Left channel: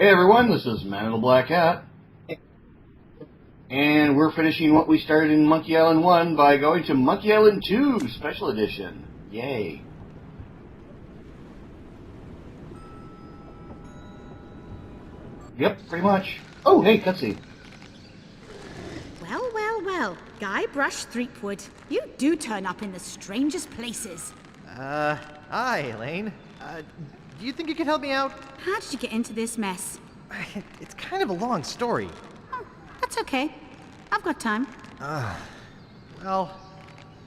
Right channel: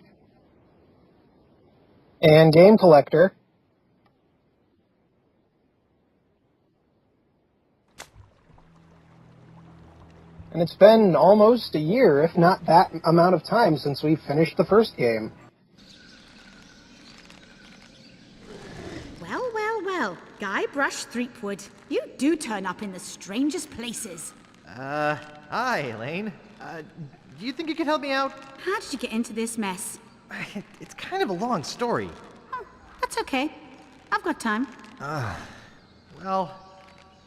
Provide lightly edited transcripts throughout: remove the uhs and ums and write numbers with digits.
Hey everyone, this is Man in the Black Hat. And Game Collector. And we're finishing what we started in Monkey Island 1 by going to Monkey Island 2 Special Edition. Yay. And it's been almost a year, if not that amount of time, since we finished the first game. Yep, pretty much. Oh, hey, cutscene. Well, Guybrush Threepwood, you do turn up in the strangest places. Hi, Elaine. Do you think you could help me out? How did you get into this mess? It's kind of a long story. Oh, that's okay. I've got time. Well,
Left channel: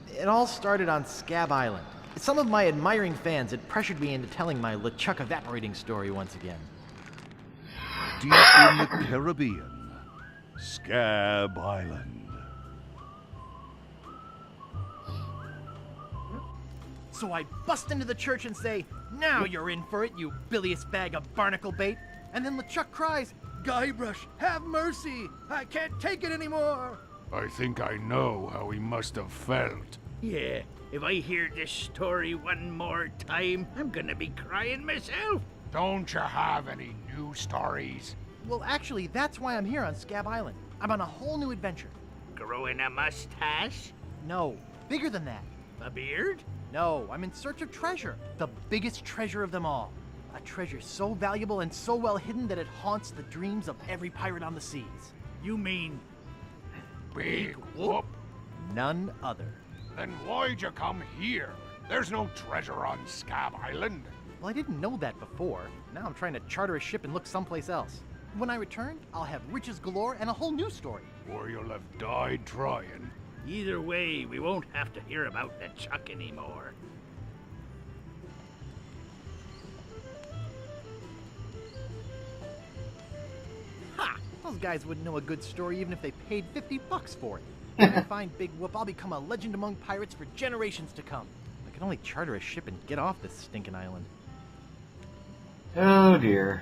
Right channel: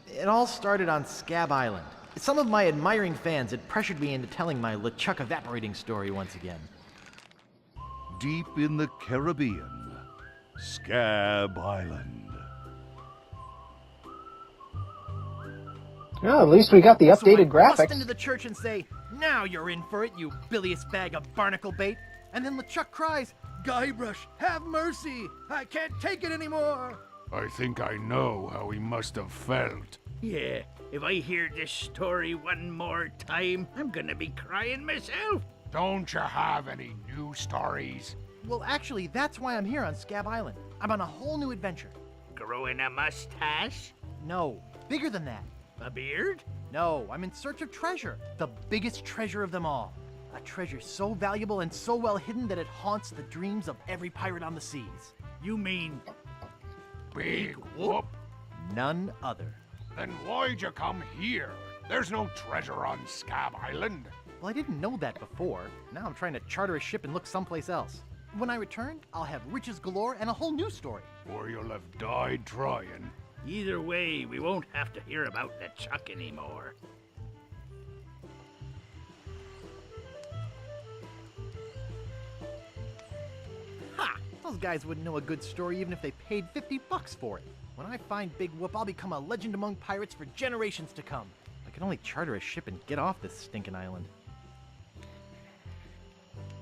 it all started on Scab Island. Some of my admiring fans had pressured me into telling my LeChuck evaporating story once again. Deep in the Caribbean, Scab Island. Well, at least we got the So I updated graphics. bust into the church and say, "Now you're in for it, you bilious bag of barnacle bait." And then LeChuck cries, "Guybrush, have mercy! I can't take it anymore!" I think I know how he must have felt. Yeah, if I hear this story one more time, I'm gonna be crying myself. Don't you have any new stories? Well, actually, that's why I'm here on Scab Island. I'm on a whole new adventure. Growing a mustache? No, bigger than that. A beard? No, I'm in search of treasure. The biggest treasure of them all. A treasure so valuable and so well hidden that it haunts the dreams of every pirate on the seas. You mean Big whoop. None other. Then why'd you come here? There's no treasure on Scab Island. Well, I didn't know that before. Now I'm trying to charter a ship and look someplace else. When I return, I'll have riches galore and a whole new story. Or you'll have died trying. either way, we won't have to hear about LeChuck anymore. Ha! Those guys wouldn't know a good story even if they paid $50 for it. When I find Big Whoop, I'll become a legend among pirates for generations to come. I can only charter a ship and get off this stinking island. Oh dear.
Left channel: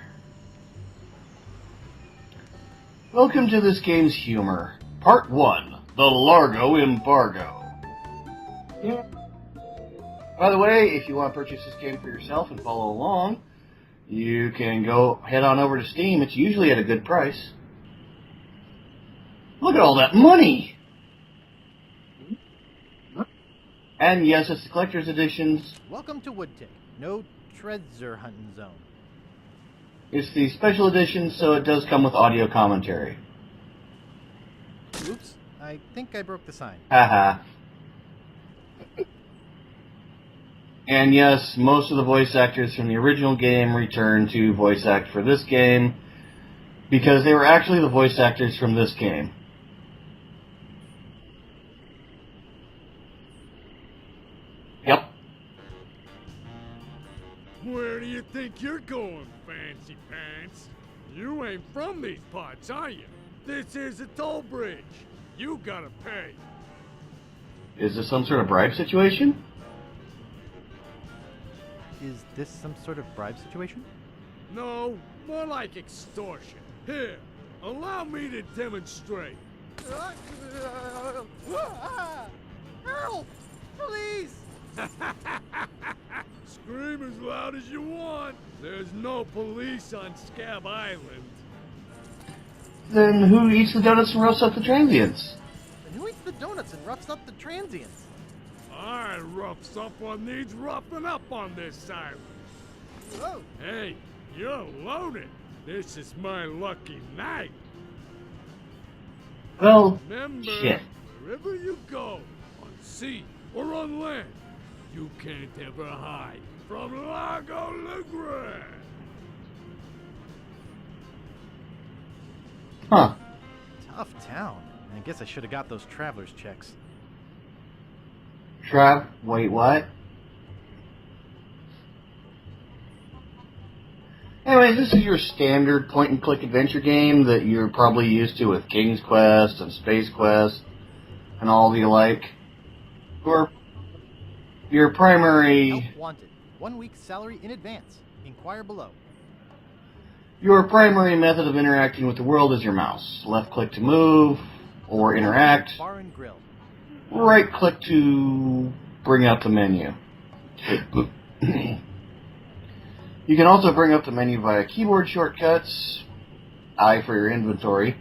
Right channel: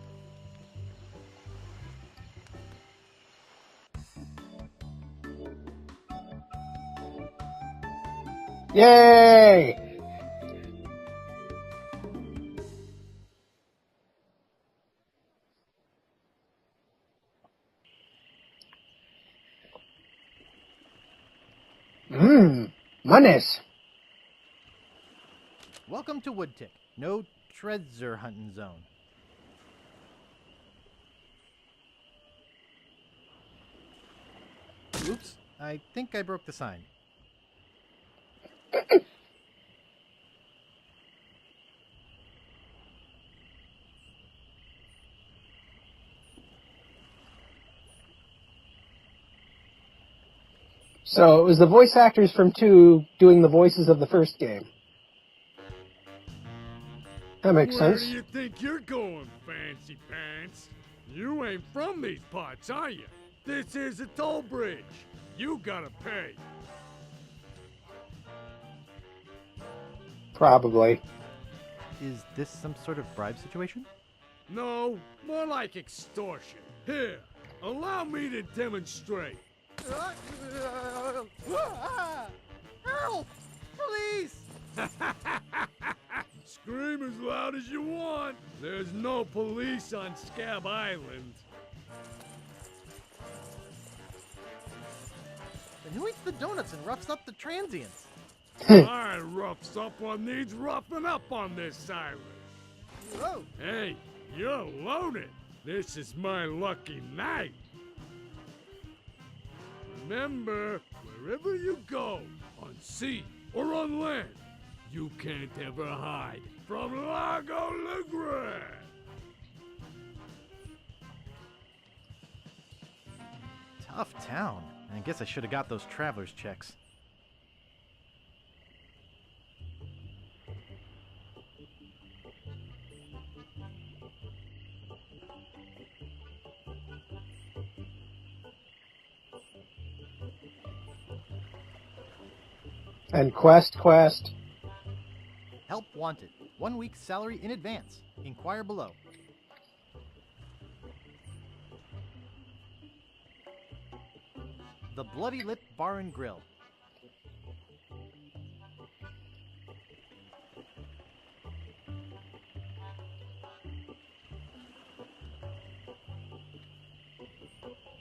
Welcome to this game's humor. Part 1, the Largo Embargo. Yay! By the way, if you want to purchase this game for yourself and follow along, you can go head on over to Steam. It's usually at a good price. Look at all that money! Monies. And yes, it's the collector's editions. Welcome to Woodtick. No treasure hunting zone. It's the special edition, so it does come with audio commentary. Oops, I think I broke the sign. Haha. And yes, most of the voice actors from the original game returned to voice act for this game, because they were actually the voice actors from this game. So it was the voice actors from 2 doing the voices of the first game. Yep. That makes Where sense. do you think you're going, fancy pants? You ain't from these parts, are you? This is a toll bridge. You gotta pay. Is this some sort of bribe situation? Probably. Is this some sort of bribe situation? No, more like extortion. Here, allow me to demonstrate. Help! Please! Scream as loud as you want. There's no police on Scab Island. Then who eats the donuts and roughs up the transients? And who eats the donuts and roughs up the transients? I roughs up on needs roughing up on this island. Whoa! Hey, you're loaded. This is my lucky night. Well, Remember, shit. wherever you go, on sea or on land, you can't ever hide from Largo Legrand. Huh. Tough town. I guess I should have got those traveler's checks. Wait, what? Anyways, this is your standard point-and-click adventure game that you're probably used to with King's Quest and Space Quest and all the like. And Or- Quest. Your primary... Help wanted. 1 week's salary in advance. Inquire below. Your primary method of interacting with the world is your mouse. Left-click to move or The interact. Bar and Grill. Right-click to bring up the menu. You You can also bring up the menu via keyboard shortcuts, I for your inventory.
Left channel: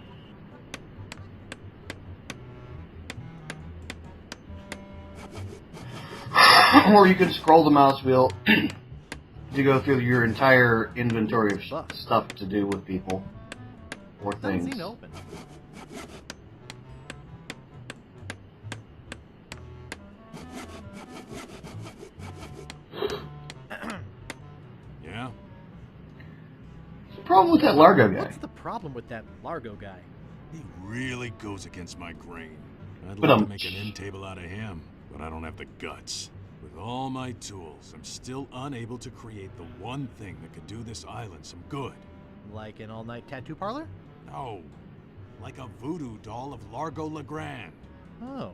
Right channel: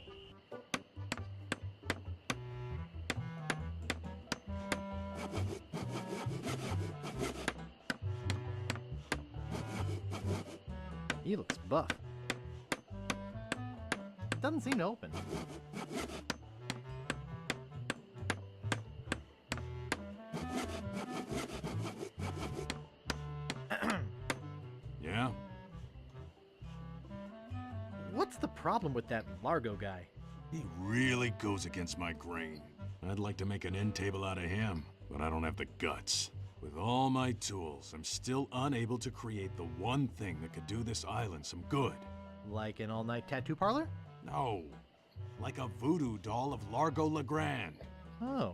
Or you can scroll the mouse wheel to go through your entire inventory of stuff to do with people or Doesn't things. seem to open. Yeah? What's the problem with that Largo guy? What's the problem with that Largo guy? He really goes against my grain. I'd But, like to make an end table out of him, but I don't have the guts. With all my tools, I'm still unable to create the one thing that could do this island some good. Like an all-night tattoo parlor? No. Like a voodoo doll of Largo Legrand. Oh.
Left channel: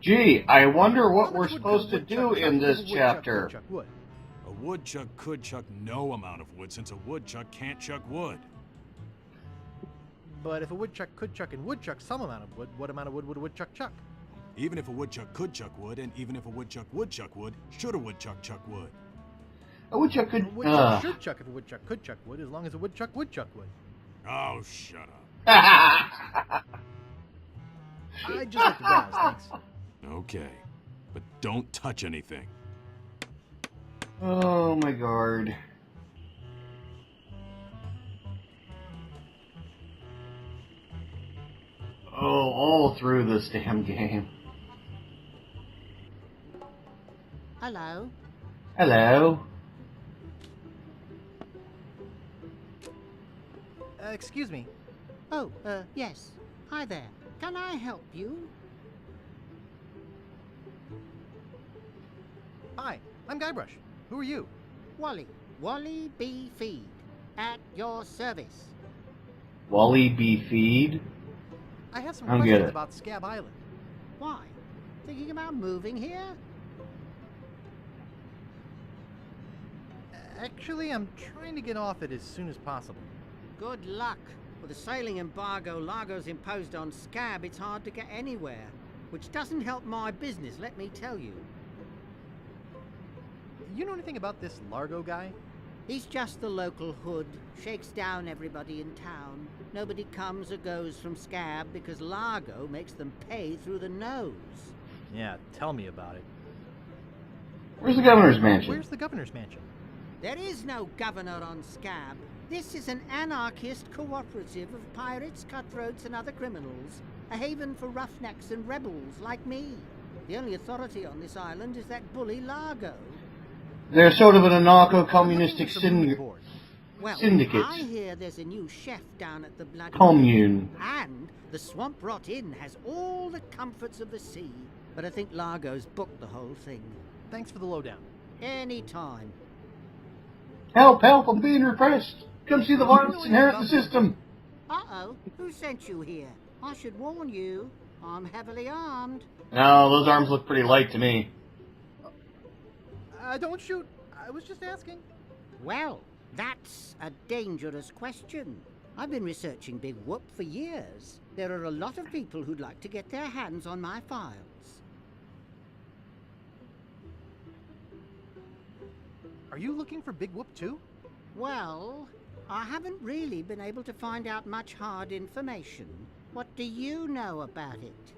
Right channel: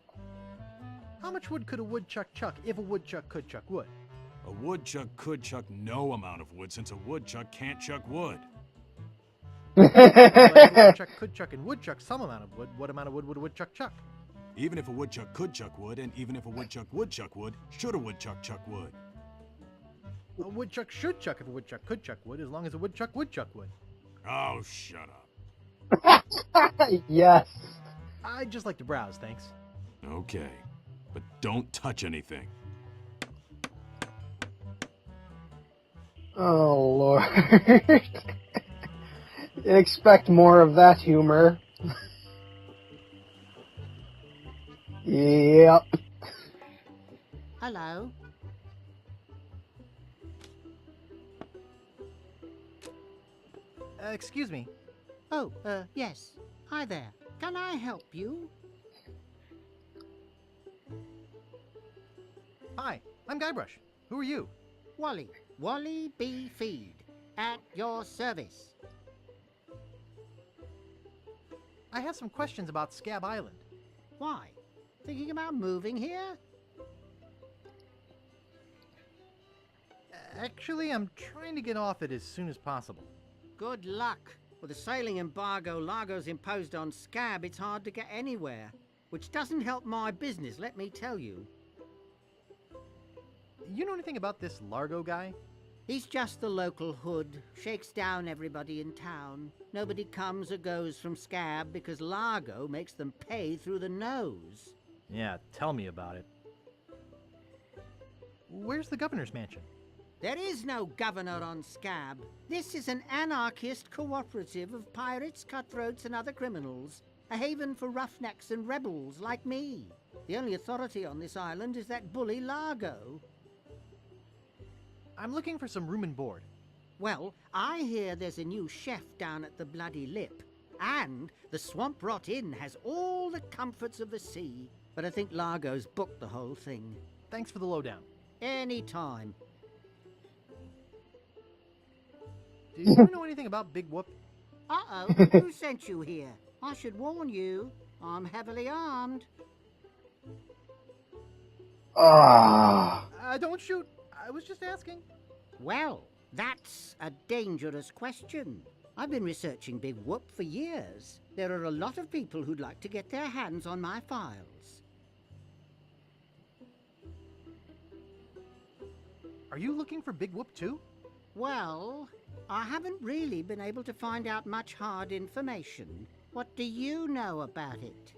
Gee, I wonder How what we're much wood could a supposed to woodchuck do chuck in if this a woodchuck chapter. could chuck wood? A woodchuck could chuck no amount of wood since a woodchuck can't chuck wood. But if a woodchuck could chuck and would chuck some amount of wood, what amount of wood would a woodchuck chuck? Even if a woodchuck could chuck wood, and even if a woodchuck would chuck wood, should a woodchuck chuck wood? A woodchuck could. A woodchuck should chuck if a woodchuck could chuck wood, as long as a woodchuck would chuck wood. Oh, shut up. Yes. I'd just like to browse, thanks. Okay, but don't touch anything. Oh my god. Oh, Lord. Expect more of that humor. Oh, all through this damn game. Yep. Hello. Hello. Excuse me. Oh, yes. Hi there. Can I help you? Hi, I'm Guybrush. Who are you? Wally. Wally B. Feed. At your service. Wally B. Feed? I have some I don't get questions it. about Scab Island. Why? Thinking about moving here? Actually, I'm trying to get off it as soon as possible. Good luck. With the sailing embargo Largo's imposed on Scab, it's hard to get anywhere. Which doesn't help my business, let me tell you. You know anything about this Largo guy? He's just the local hood, shakes down everybody in town. Nobody comes or goes from Scab because Largo makes them pay through the nose. Yeah, tell me about it. Where's the governor's mansion? Where's the governor's mansion? There is no governor on Scab. This is an anarchist cooperative of pirates, cutthroats, and other criminals. A haven for roughnecks and rebels like me. The only authority on this island is that bully Largo. They're sort of an I'm looking anarcho-communistic for some room and syndicate. board. Well, Syndicate. I hear there's a new chef down at the Bloody Commune. Pit, and the Swamp Rot Inn has all the comforts of the sea. But I think Largo's booked the whole thing. Thanks for the lowdown. Anytime. Help, help, I'm being repressed. Come see the violence know and anything inherit the about Big system. Uh-oh, who sent you here? I should warn you, I'm heavily armed. No, those arms look pretty light to me. Ah. Don't shoot. I was just asking. Well, that's a dangerous question. I've been researching Big Whoop for years. There are a lot of people who'd like to get their hands on my files. Are you looking for Big Whoop too? Well, I haven't really been able to find out much hard information. What do you know about it?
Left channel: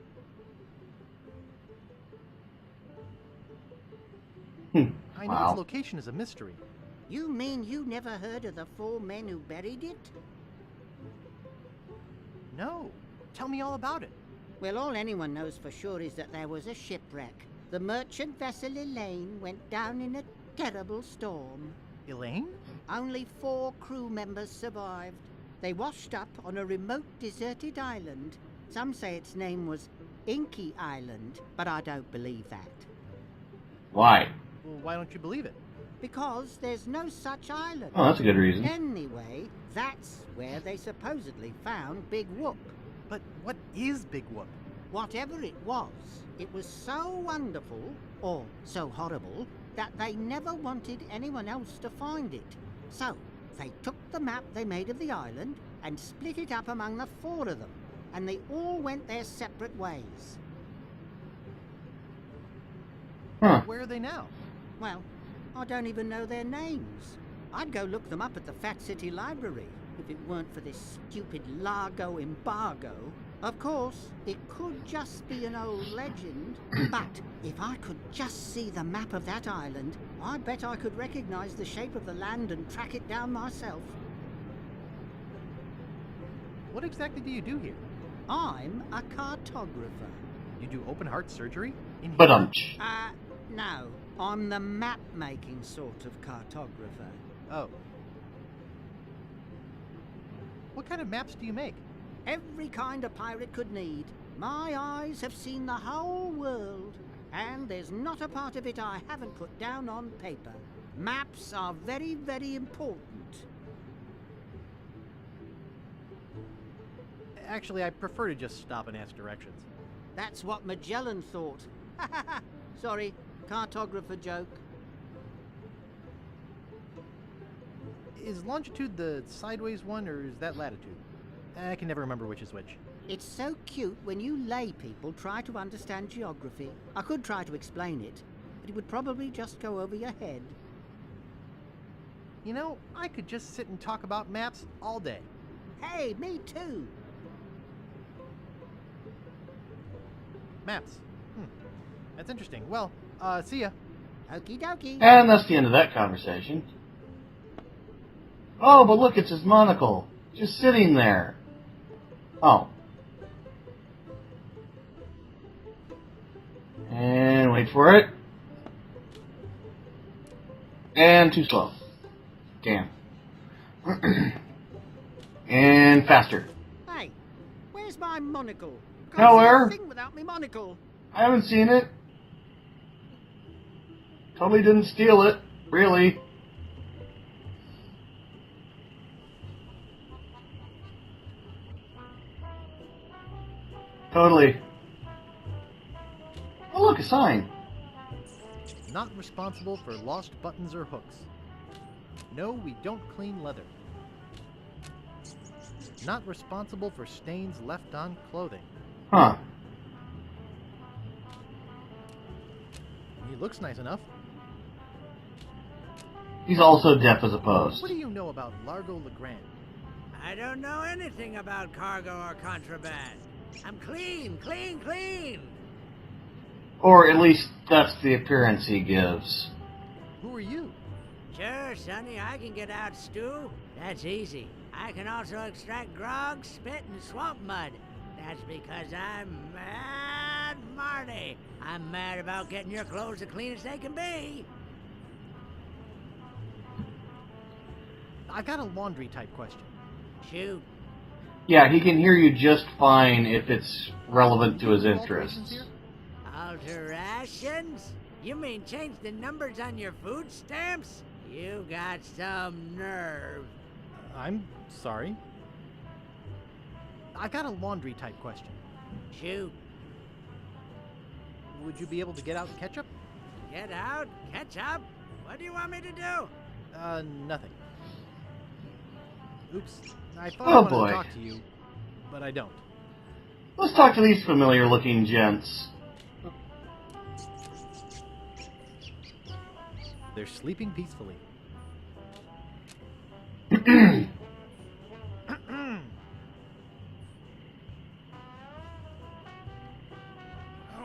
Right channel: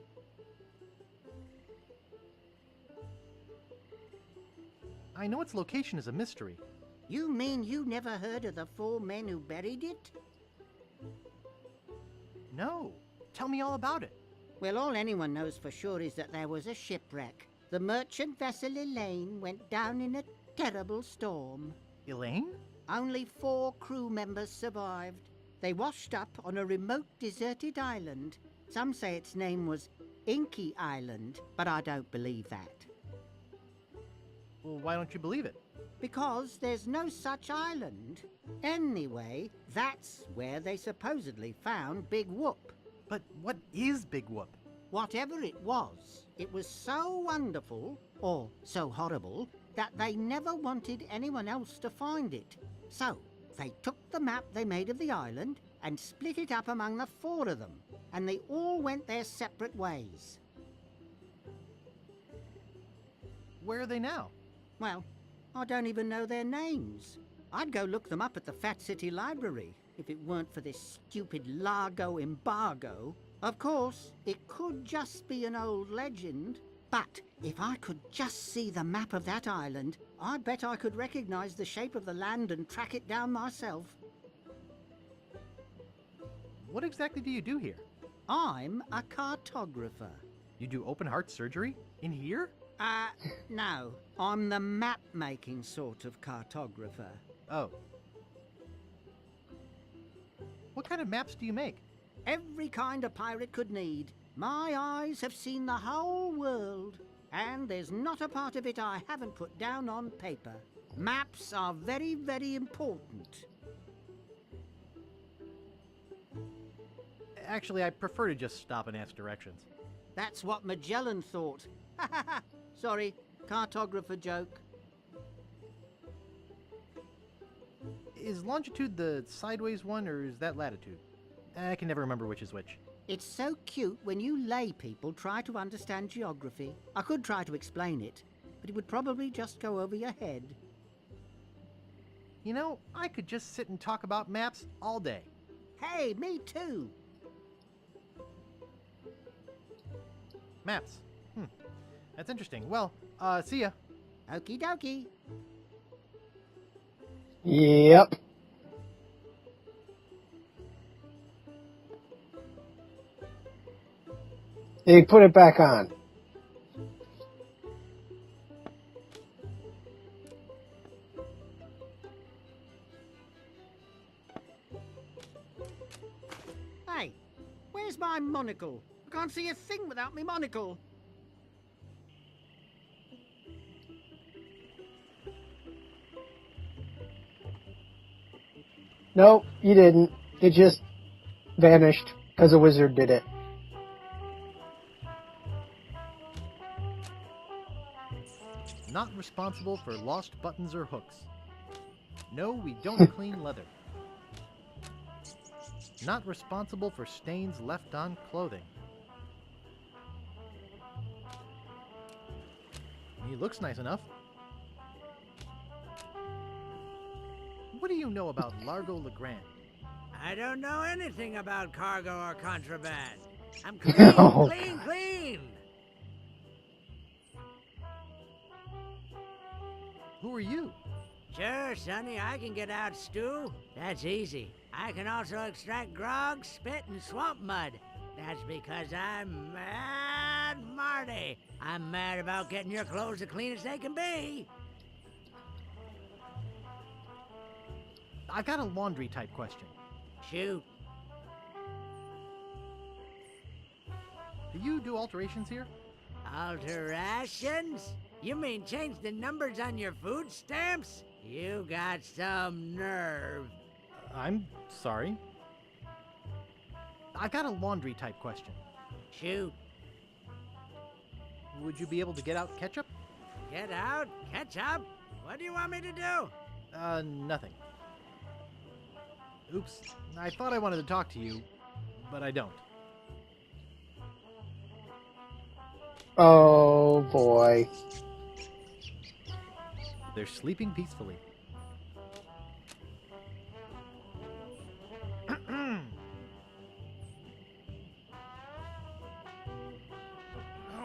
I know Wow. its location is a mystery. You mean you never heard of the 4 men who buried it? No. Tell me all about it. Well, all anyone knows for sure is that there was a shipwreck. The merchant vessel Elaine went down in a terrible storm. Elaine? Only 4 crew members survived. They washed up on a remote deserted island. Some say its name was Inky Island, but I don't believe that. Why? Well, why don't you believe it? Because there's no such island. Oh, that's a good reason. Anyway, that's where they supposedly found Big Whoop. But what is Big Whoop? Whatever it was so wonderful, or so horrible, that they never wanted anyone else to find it. So, they took the map they made of the island and split it up among the 4 of them, and they all went their separate ways. Huh. Where are they now? Well, I don't even know their names. I'd go look them up at the Fat City Library if it weren't for this stupid Largo embargo. Of course, it could just be an old legend, but if I could just see the map of that island, I bet I could recognize the shape of the land and track it down myself. What exactly do you do here? I'm a cartographer. You do open heart surgery? In here? But No. I'm the map-making sort of cartographer. Oh. What kind of maps do you make? Every kind a pirate could need. My eyes have seen the whole world, and there's not a part of it I haven't put down on paper. Maps are very, very important. Actually, I prefer to just stop and ask directions. That's what Magellan thought. Sorry, cartographer joke. Is longitude the sideways one, or is that latitude? I can never remember which is which. It's so cute when you lay people try to understand geography. I could try to explain it, but it would probably just go over your head. You know, I could just sit and talk about maps all day. Hey, me too. Maps. That's interesting. Well, see ya. Okie dokie. And that's the end of that conversation. Yep. Oh, but look, it's his monocle. Just sitting there. Oh. They put it back on. And wait for it. And too slow. Damn. And faster. Hey, where's my monocle? I can't Nowhere. see a thing without my monocle. I haven't seen it. Totally didn't steal it, really. No, you didn't. It just vanished because a wizard did it. Totally. Oh, look, a sign. Not responsible for lost buttons or hooks. No, we don't clean leather. Not responsible for stains left on clothing. Huh. He looks nice enough. He's also deaf as a post. What do you know about Largo Legrand? I don't know anything about cargo or contraband. I'm clean, No. clean. Or at least that's the appearance he gives. Who are you? Sure, Sonny, I can get out stew. That's easy. I can also extract grog, spit, and swamp mud. That's because I'm Mad Marty. I'm mad about getting your clothes as clean as they can be. I got a laundry type question. Shoot. Yeah, he can hear you just fine if it's relevant to You his do interests. alterations here? Alterations? You mean change the numbers on your food stamps? You got some nerve. I'm sorry. I got a laundry type question. Shoot. Would you be able to get out ketchup? Get out? Catch up? What do you want me to do? Nothing. Oops. I thought Oh, I wanted boy. to talk to you, but I don't. Let's talk to these familiar-looking gents. Oh boy. They're sleeping peacefully.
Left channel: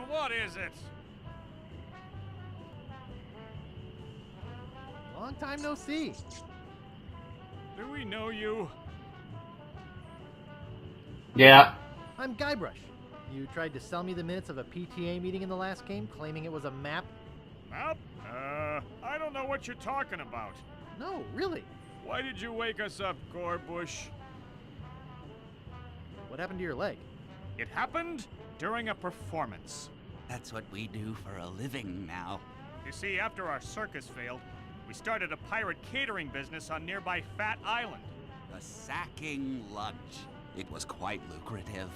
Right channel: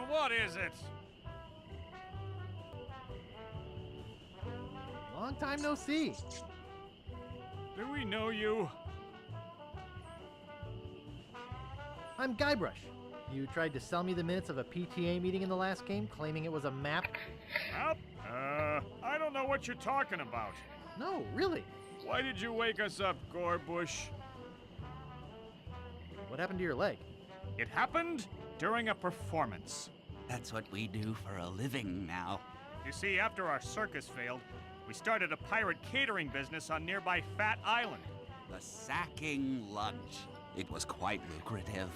What is it? Long time no see. Do we know you? Yeah. I'm Guybrush. You tried to sell me the minutes of a PTA meeting in the last game, claiming it was a map? Map? I don't know what you're talking about. No, really. Why did you wake us up, Gorbush? What happened to your leg? It happened during a performance. That's what we do for a living now. You see, after our circus failed, we started a pirate catering business on nearby Fat Island. The sacking lunch. It was quite lucrative.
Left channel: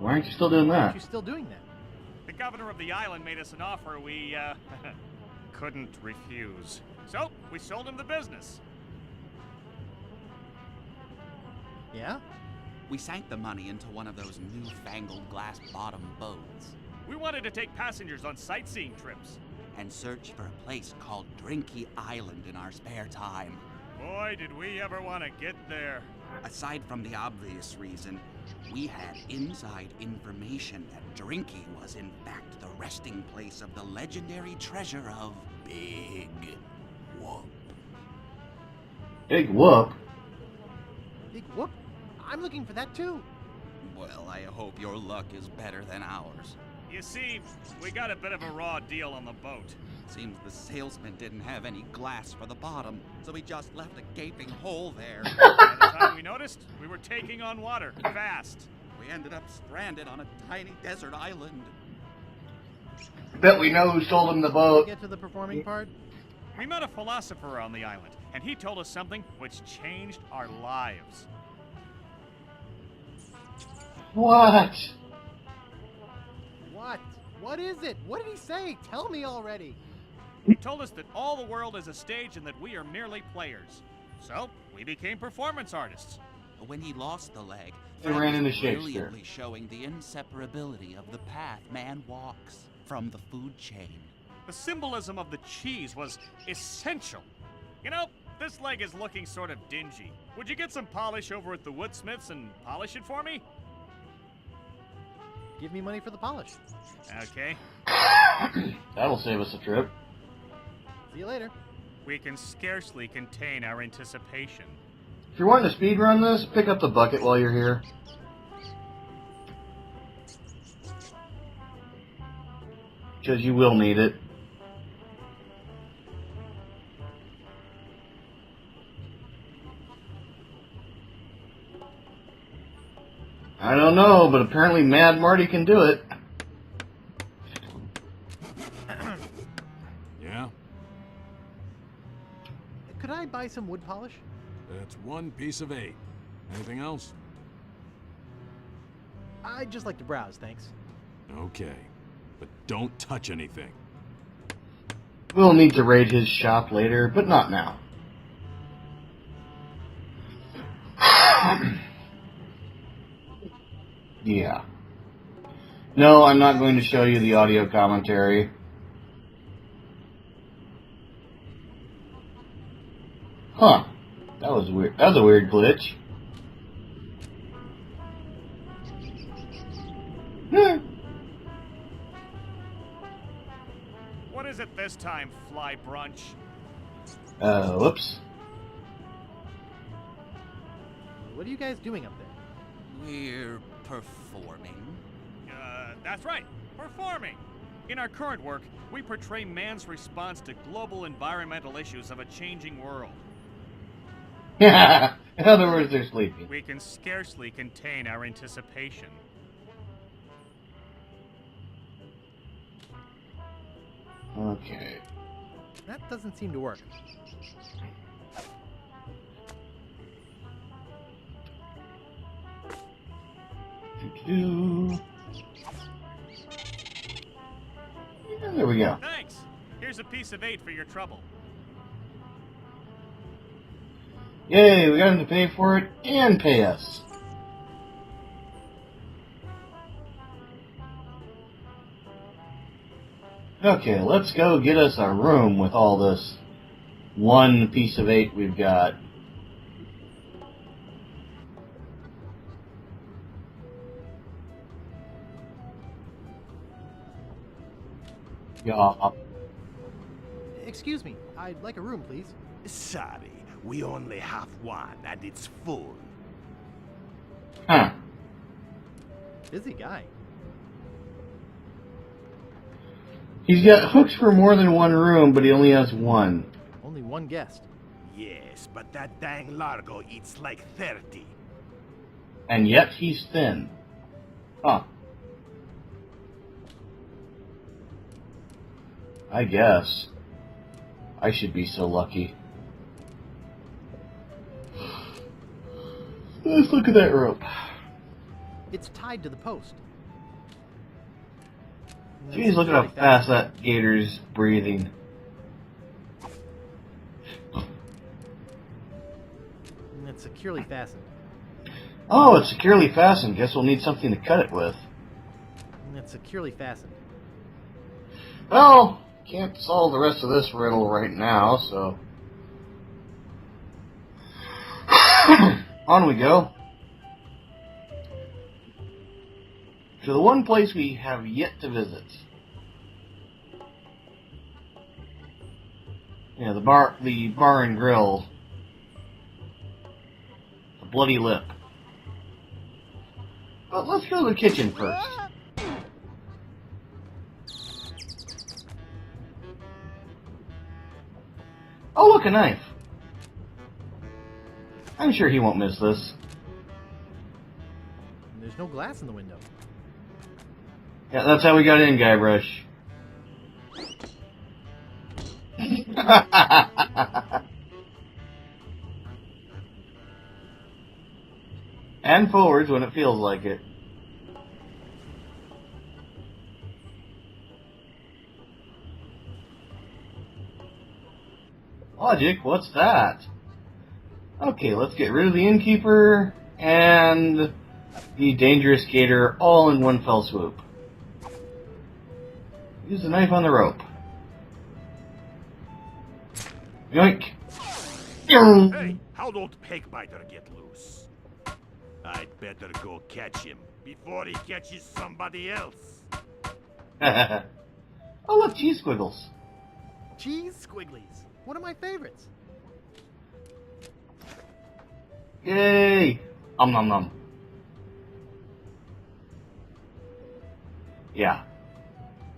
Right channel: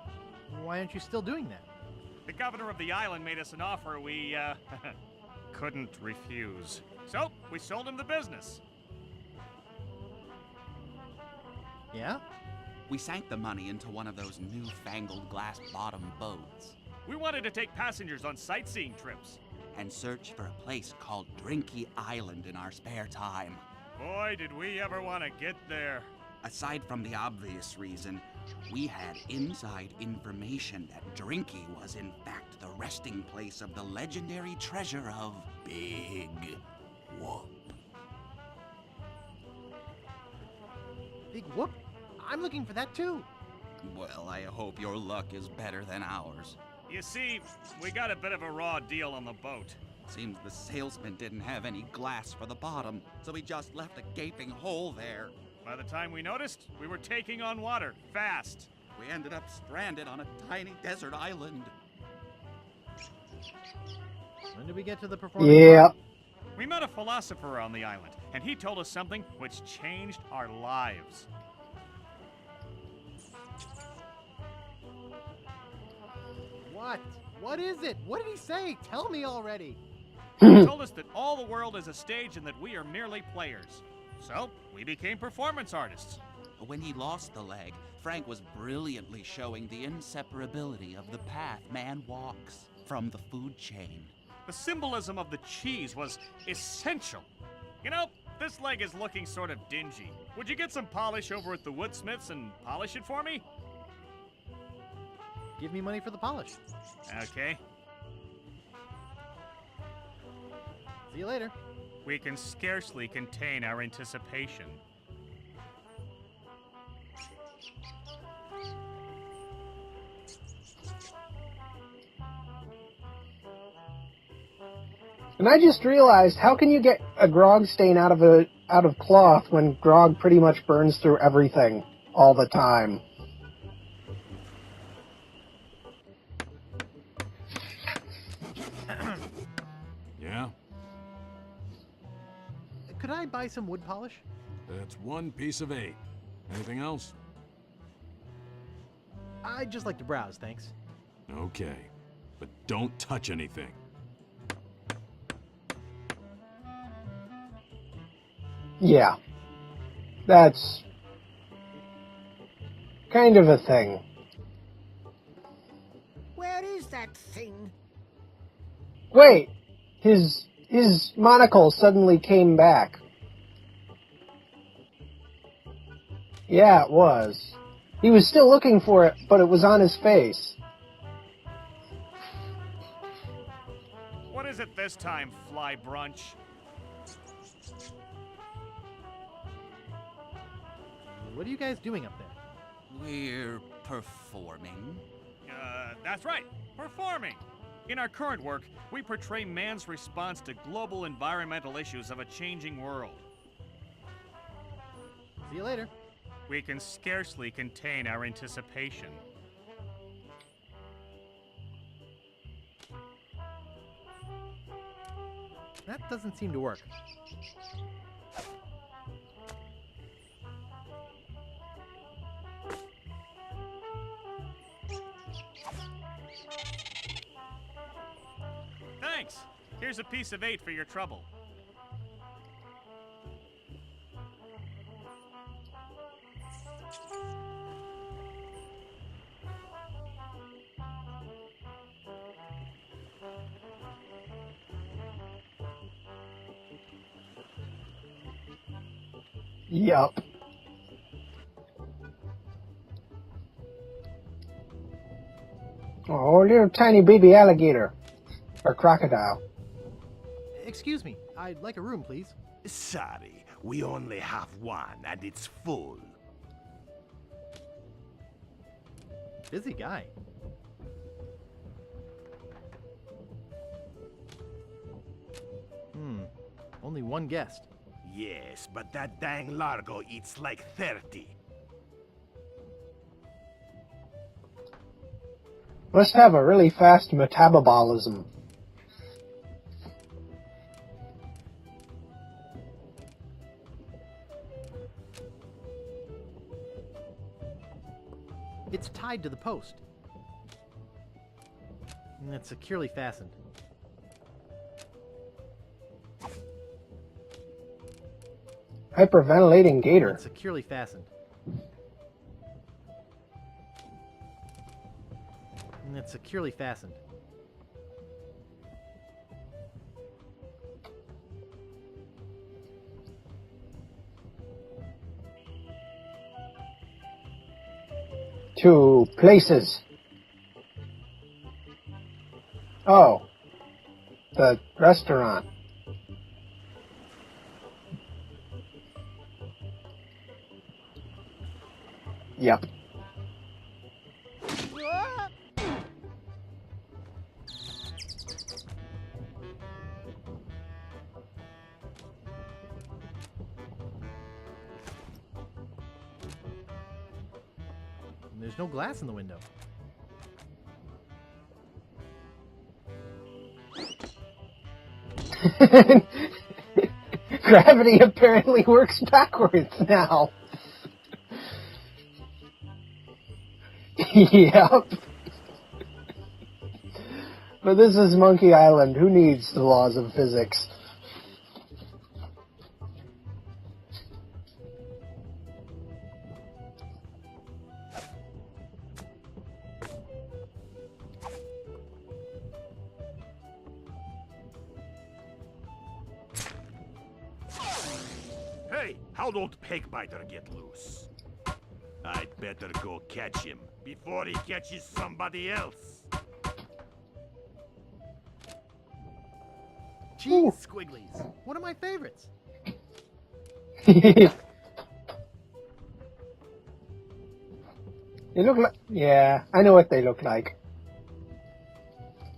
Why aren't you still doing Why that? aren't you still doing that? The governor of the island made us an offer we, couldn't refuse. So, we sold him the business. Yeah? We sank the money into one of those newfangled glass-bottom boats. We wanted to take passengers on sightseeing trips. and search for a place called Drinky Island in our spare time. Boy, did we ever want to get there. Aside from the obvious reason, we had inside information that Drinky was in fact the resting place of the legendary treasure of Big Whoop. Big Whoop? Big whoop? I'm looking for that too. Well, I hope your luck is better than ours. You see, we got a bit of a raw deal on the boat. Seems the salesman didn't have any glass for the bottom, so he just left a gaping hole there. By the time we noticed, we were taking on water, fast. We ended up stranded on a tiny desert island. Bet we know who sold him the Did we boat. get to the performing Yeah. part? We met a philosopher on the island, and he told us something which changed our lives. What? What? What is it? What did he say? Tell me already. He told us that all the world is a stage and that we are merely players. So, we became performance artists. When he lost the leg, He Fred ran was into Shakespeare. brilliantly showing the inseparability of the path man walks from the food chain. The symbolism of the cheese was essential. You know, this leg is looking sort of dingy. Would you get some polish over at the woodsmiths and polish it for me? Give me money for the polish. Okay. That'll save us a trip. See you later. We can scarcely contain our anticipation. If you're wanting to speedrun this, pick up the bucket while you're here. Because you will need it. And I just realized, how can you get a grog stain out of cloth when grog pretty much burns through everything all the time? I don't know, but apparently Mad Marty can do it. Yeah? Could I buy some wood polish? That's 1 piece of 8. Anything else? I'd just like to browse, thanks. Okay. But don't touch anything. We'll need to raid his shop later, but not now. Yeah. That's kind of a thing. Yeah. No, I'm not going to show you the audio commentary. Wait, his monocle suddenly came back. Huh. That was weird. That was a weird glitch. Yeah, it was. He was still looking for it, but it was on his face. What is it this time, Fly Brunch? Whoops. What are you guys doing up there? We're performing. That's right, performing. In our current work, we portray man's response to global environmental issues of a changing world. In other words, they're sleeping. We can scarcely contain our anticipation. Okay. That doesn't seem to work. There we go. Thanks. Here's a piece of 8 for your trouble. Yay, we got him to pay for it and pay us. Okay, let's go get us a room with all this 1 piece of 8 we've got. Yup. Oh, little tiny baby alligator. Or Oh. crocodile. Excuse me, I'd like a room, please. Sorry, we only have one and it's full. Huh. Busy guy. He's got hooks for more than 1 room, but he only has 1. Only 1 guest. Yes, but that dang Largo eats like 30. And yet he's thin. Huh. Must have a really fast metabolism. I guess. I should be so lucky. Let's look at that rope. It's tied to the post. And Jeez, it's look at how really fast that gator's breathing. Hyperventilating gator. It's securely fastened. Oh, it's securely fastened. Guess we'll need something to cut it with. And it's securely fastened. Well, can't solve the rest of this riddle right now, so... On we go. To places. To the one place we have yet to visit. Oh. The restaurant. Yeah, the bar and grill. The Bloody Lip. Yep. But let's go to the kitchen first. Oh, look, a knife. I'm sure he won't miss this. And there's no glass in the window. Yeah, that's how we got in, Guybrush. Gravity apparently works backwards now. And forwards when it feels like it. Yep. But this is Monkey Island. Who needs the laws of physics? Logic, what's that? Okay, let's get rid of the innkeeper and the dangerous gator all in one fell swoop. Use the knife on the rope. Yoink! Hey, how'd old Pegbiter get loose? I'd better go catch him before he catches somebody else. Oh, look, cheese squiggles. Cheese squigglies. One of my favorites. Yay! Nom nom. They look like... Yeah, I know what they look like. Yeah.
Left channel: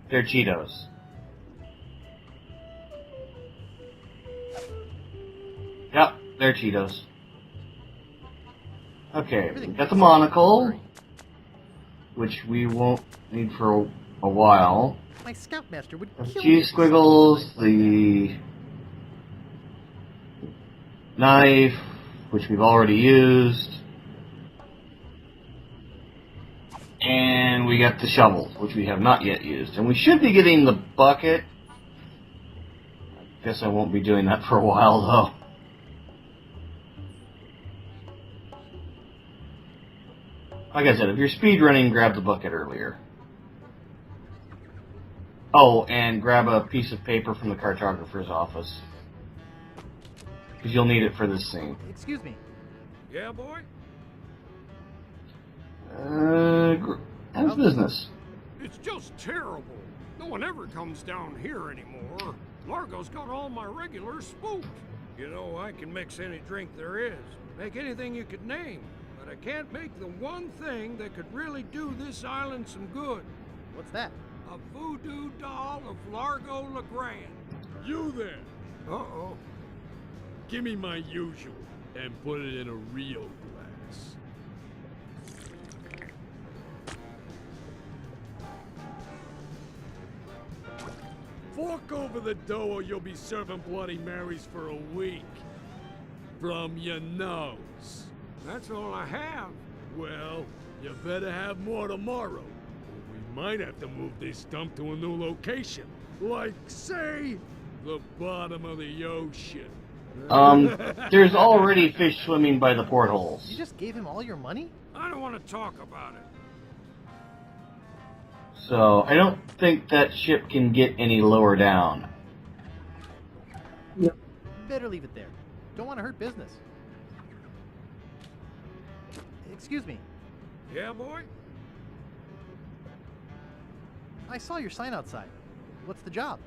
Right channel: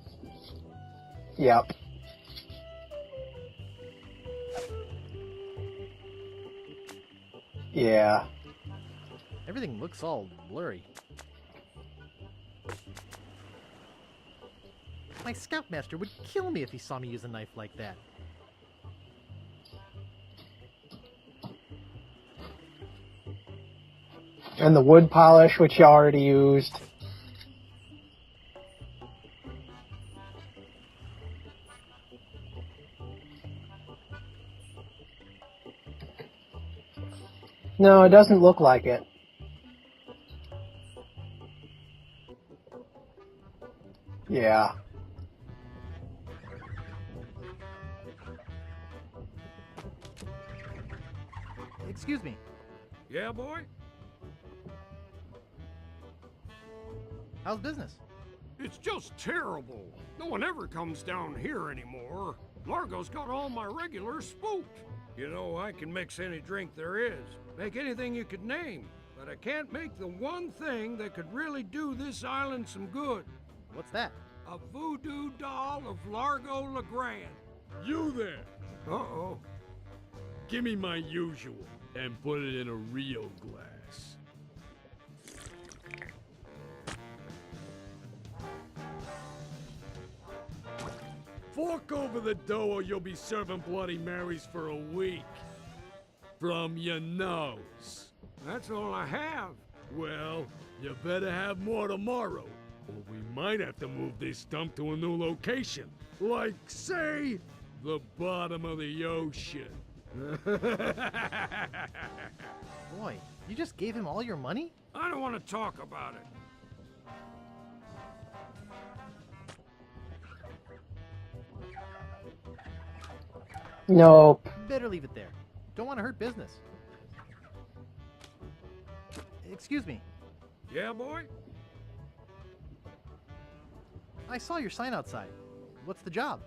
They're Cheetos. Yep. Yep, they're Cheetos. Yeah. Okay, Everything got the looks all monocle, blurry. which we won't need for a while. My scoutmaster would kill me Cheese if he saw me use a squiggles, knife like that. the knife, which we've already used, And the wood polish, which you already used. and we got the shovel, which we have not yet used. And we should be getting the bucket. Guess I won't be doing that for a while, though. No, it doesn't look like it. Like I said, if you're speedrunning, grab the bucket earlier. Yeah. Oh, and grab a piece of paper from the cartographer's office. Because you'll need it for this scene. Excuse me. Yeah, boy? How's business? It's just terrible. No one ever comes down here anymore. Largo's got all my regulars spooked. You know, I can mix any drink there is, make anything you could name, but I can't make the one thing that could really do this island some good. What's that? A voodoo doll of Largo LeGrand. You there. Uh-oh. Give me my usual, and put it in a real glass. Fork over the dough or you'll be serving Bloody Marys for a week. From your nose. That's all I have. Well, you better have more tomorrow, or we might have to move this dump to a new location. Like, say, the bottom of the ocean. There's already fish swimming by the portholes. You just gave him all your money? I don't want to talk about it. So, I don't think that ship can get any lower down. Nope. Better leave it there. Don't want to hurt business. Excuse me. Yeah, boy? I saw your sign outside. What's the job?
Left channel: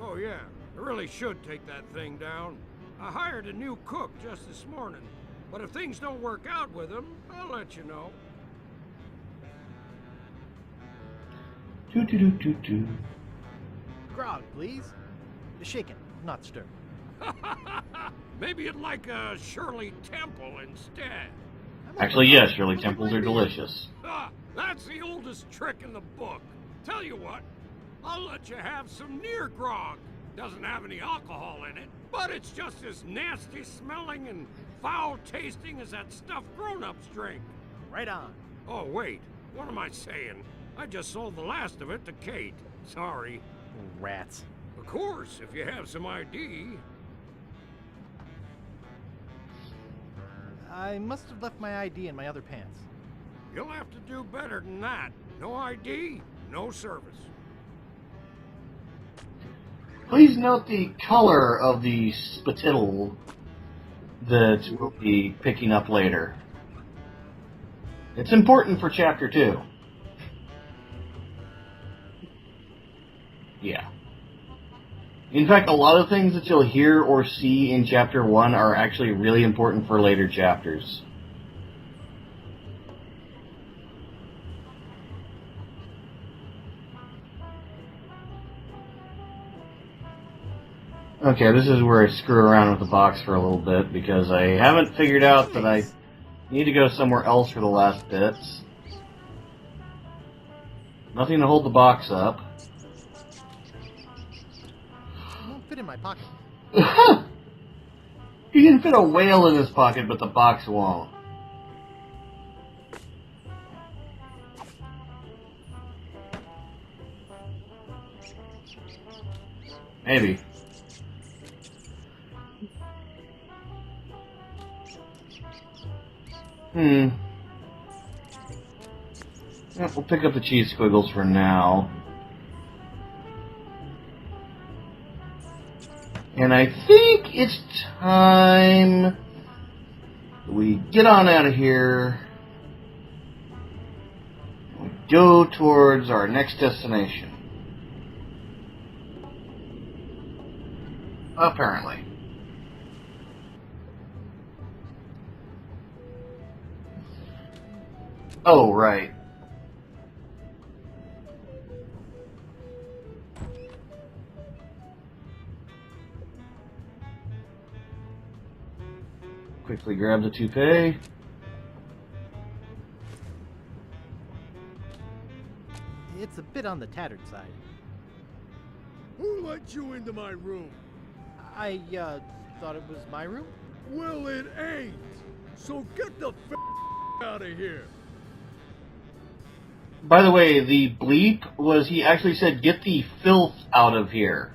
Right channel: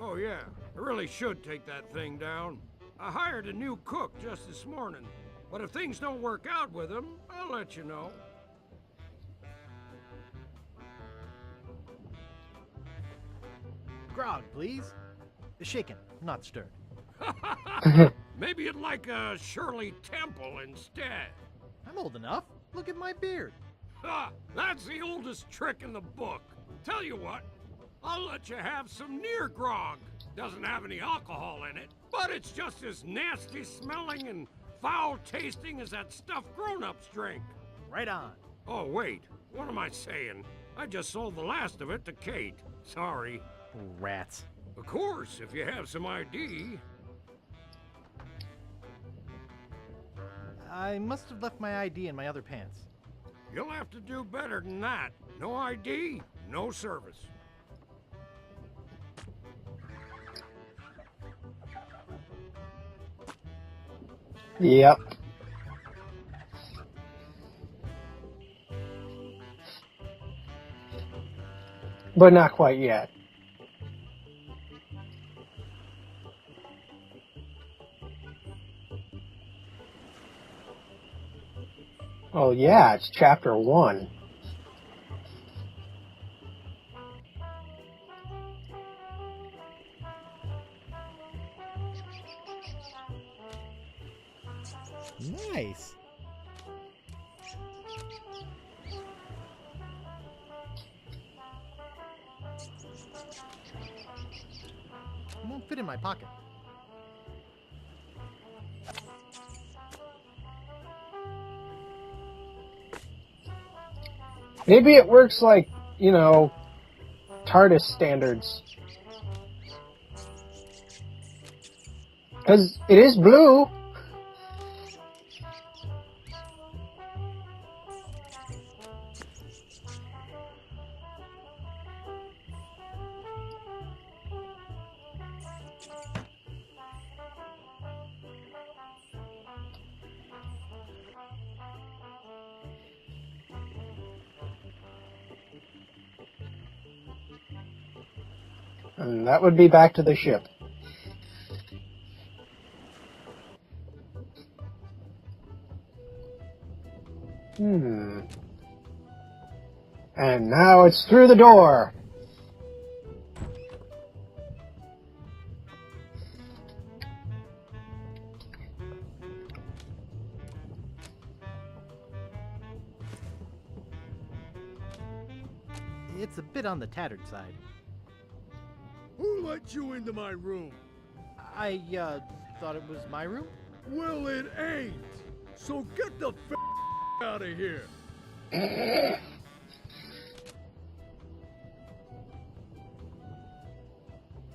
Oh, yeah. I really should take that thing down. I hired a new cook just this morning. But if things don't work out with him, I'll let you know. Doo-doo-doo-doo-doo. Grog, please. Shaken, not stirred. Maybe you'd like a Shirley Temple instead. Actually, yes, Shirley Look at Temples my are beard. delicious. Ha! That's the oldest trick in the book. Tell you what, I'll let you have some near grog. Doesn't have any alcohol in it, but it's just as nasty smelling and foul tasting as that stuff grown-ups drink. Right on. Oh, wait. What am I saying? I just sold the last of it to Kate. Sorry. Rats. Of course, if you have some ID. I must have left my ID in my other pants. You'll have to do better than that. No ID, no service. Please note the color of the spittle that we'll be picking up later. It's important for Chapter 2. But not quite yet. Yeah. In fact, a lot of things that you'll hear or see in Chapter 1 are actually really important for later chapters. Oh yeah, it's Chapter 1. Okay, this is where I screw around with the box for a little bit, because I haven't figured out that I need to go somewhere else for the last bits. Nothing to hold the box up. It won't fit in my pocket. You can fit a whale in his pocket, but the box won't. Maybe it works like, you know, TARDIS standards. Maybe. Because it is blue. Yeah, we'll pick up the cheese squiggles for now. And I think it's time we get on out of here and go towards our next destination. And that would be back to the ship. Apparently. Oh, right. And now it's through the door. Quickly grab the toupee. It's a bit on the tattered side. Who let you into my room? I, thought it was my room? Well, it ain't. So get the out of here. By the way, the bleep was he actually said, "Get the filth out of here."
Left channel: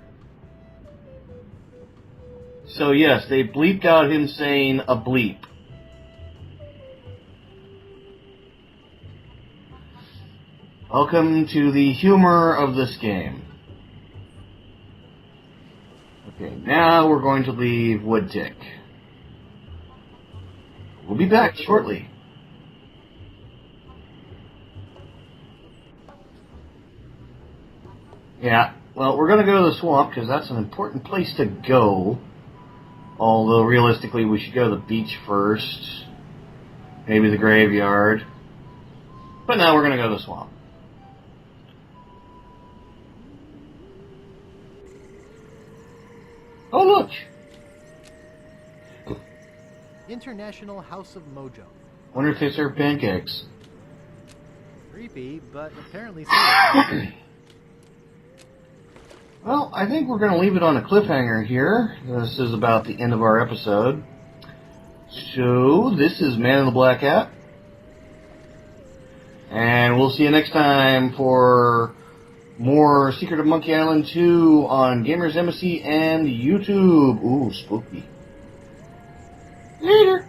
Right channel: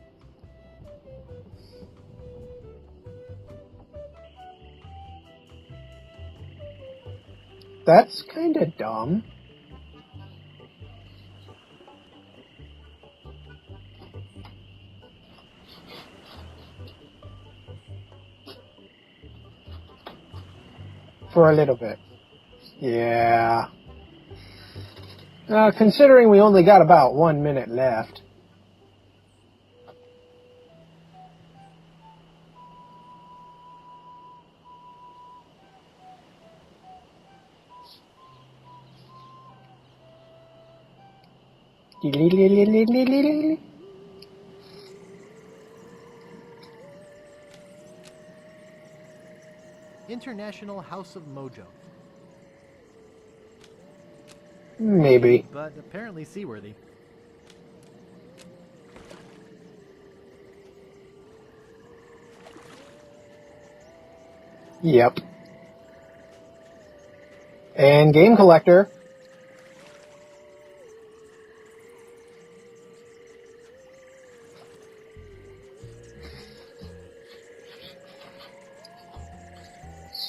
So yes, they bleeped out him saying a bleep. That's kind of dumb. Welcome to the humor of this game. Okay, now we're going to leave Woodtick. We'll be back shortly. Yeah. Considering we only got about 1 minute left. Yeah, well, we're going to go to the swamp because that's an important place to go. Although, realistically, we should go to the beach first. Maybe the graveyard. But now we're going to go to the swamp. Oh, look! International House of Mojo. Wonder if they serve pancakes. Maybe. But apparently so. Well, I think we're going to leave it on a cliffhanger here. This is about the end of our episode. Yep. So, this is Man in the Black Hat. And Game Collector. And we'll see you next time for more Secret of Monkey Island 2 on Gamers Embassy and YouTube. Ooh, spooky. Later.